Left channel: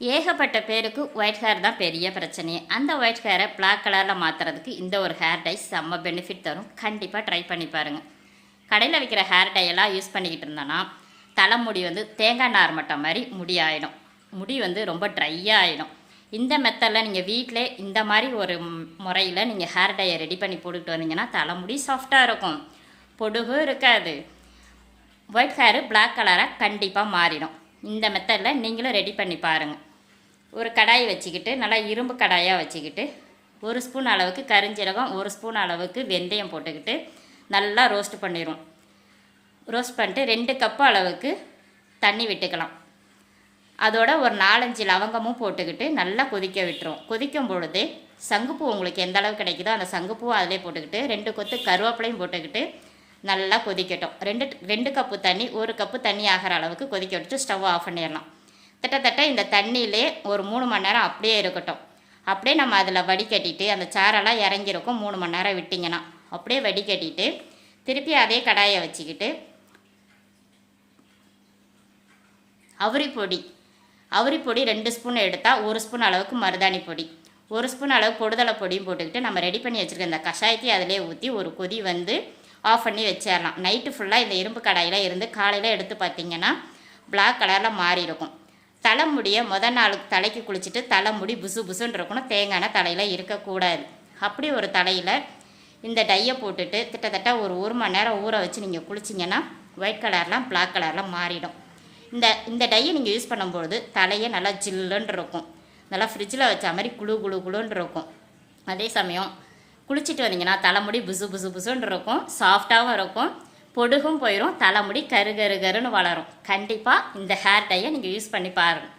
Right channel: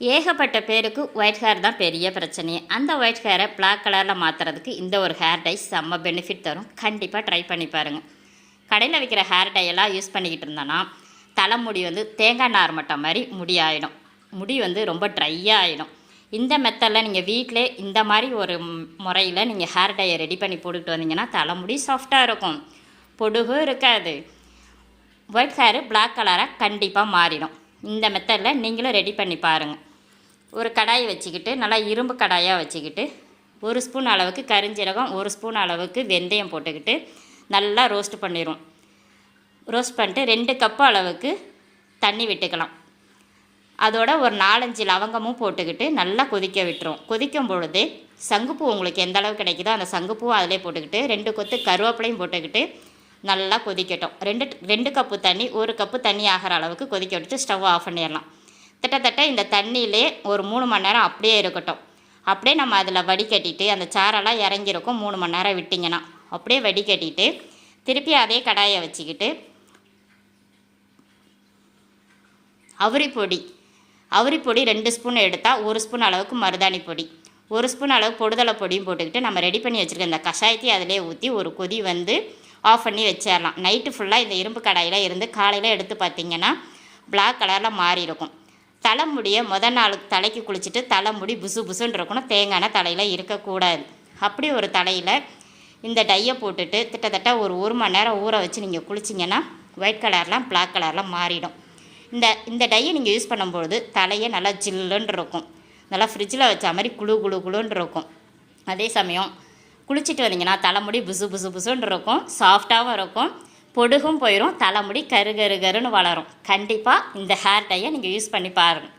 ஏகப்பட்ட பேருக்கு white hair தான் பெரிய பிரச்சனையே. அந்த ஒயிட் ஹேரை பிளாக் கலரில் மாற்றுறதுக்கு இந்த ஒரு ஹேர் டை செம்ம பெனிஃபிட் தரும். கண்டிப்பாக ட்ரை பண்ணி பாருங்கள் கடையில் விற்கிற ஹேர் டையெல்லாம் யூஸ் பண்ணிக்கிட்டு இருந்தோன்னா தலைமுடி வந்து தேங்காய் நார் மட்டம் மாதிரி முடி ஆகிடும் முடி வந்து ரொம்ப ட்ரையாக ஆகிடும் இந்த மெத்தடில் நீங்கள் வீட்டிலே இந்த மாதிரி ஒரு முறையில் நீங்கள் ஹேர் டையை ரெடி பண்ணி போட்டுக்கிட்டு வந்தீங்கன்னா தலைமுடி சாஃப்டாக இருக்கும். பொடுகும் இருக்காது. ஒயிட் ஹேரு பிளாக் கலராக கண்டிப்பாக மாறிடும். இந்த மெத்தடில் நீங்களும் ரெடி பண்ணி பாருங்கள் ஒரு கடாய் வச்சுக்கிட்டு நல்லா இரும்பு கடாயாக வச்சுக்கிட்டு ஒரு ஸ்பூன் அளவுக்கு கரிஞ்சீரகம் ஒரு ஸ்பூன் அளவுக்கு வெந்தயம் போட்டுக்கிட்டு நல்லா ரோஸ்ட் பண்ணிடுவோம் ரோஸ்ட் பண்ணிட்டு ரெண்டு கப்பு அளவுக்கு தண்ணி விட்டுக்கலாம். அதோட ஒரு நாலஞ்சு லவங்கமும் போட்டுக்கிட்டு நல்லா கொதிக்க விட்டுருவோம் கொதிக்கும் பொழுது சங்குப்பூ உங்களுக்கு எந்த அளவு கிடைக்குதோ அந்த சங்குப்பூ அதிலே போட்டுக்கிட்டு ரெண்டு கொத்து கருவேப்பிலையும் போட்டுக்கிட்டு நல்லா கொதிக்கட்டும். ரெண்டு ரெண்டு கப்பு தண்ணி ஒரு கப்பு தண்ணி ஆகிற அளவுக்கு கொதிக்க விட்டு ஸ்டவ் ஆஃப் பண்ணிடலாம். கிட்டத்தட்ட இந்த தண்ணியிலே ஒரு மூணு மணி நேரம் அப்படியே இருக்கட்டும். அப்படியே நம்ம அதில் வடிகட்டிட்டு அந்த சாரெல்லாம் இறங்கியிருக்கும். மூணு மணி நேரம் விட்டிங்கன்னா அப்படியே வடிகட்டிட்டு திருப்பி அதே கடாயை வச்சுக்கிட்டு அவுரி பொடி அவுரி பொடி ரெண்டு ஸ்பூன் எடுத்தால் ஒரு ஸ்பூன் அளவுக்கு மருதாணி பொடி ஒரு ஸ்பூன் அளவு பொடுதலை பொடியும் போட்டுக்கிட்டு நம்ம ரெடி பண்ணி வச்சுருக்க இந்த கஷாயத்தையும் அதிலே ஊற்றி ஒரு கொதி வந்து ஆஃப் பண்ணி வச்சிடலாம் நைட்டு ஃபுல்லாக இந்த இரும்பு கடாயில் இருந்து காலையில் எடுத்து பார்த்திங்கன்னா பிளாக் கலரில் மாறி இருக்கும் தலைமுடியை முத நாளுக்கு தலைக்கு குளிச்சுட்டு தலைமுடி புசு புசுன்னு இருக்கணும். தேங்காய் தலையில் இருக்கக்கூடாது. அப்படி ஒரு தலையில் இந்த டையை போட்டுட்டு கிட்டத்தட்ட ஒரு ஒரு மணி நேரம் ஊற வச்சு நீங்கள் குளிச்சிங்கன்னா ஒயிட் கலர்லாம் பிளாக் கலரில் மாறிடும். இந்த இந்த டையை நீங்கள் யூஸ் பண்ணும்பொழுது தலையே நல்லா ஜில்லுன்னு இருக்கும். நல்லா ஃப்ரிட்ஜில் வச்ச மாதிரி குளு குளு குழுன்னு இருக்கும். அதே சமயம் குளிச்சுட்டு வந்தீங்கன்னா தலைமுடி புசு புசு புசுன்னு இருக்கும். சாஃப்டாகவும் இருக்கும். பொடுகும் போயிடும் தலைமுடி கரு கரு கருன்னு வளரும். கண்டிப்பாக இந்த ஹேர் டையை நீங்கள் யூஸ் பண்ணி பாருங்கள்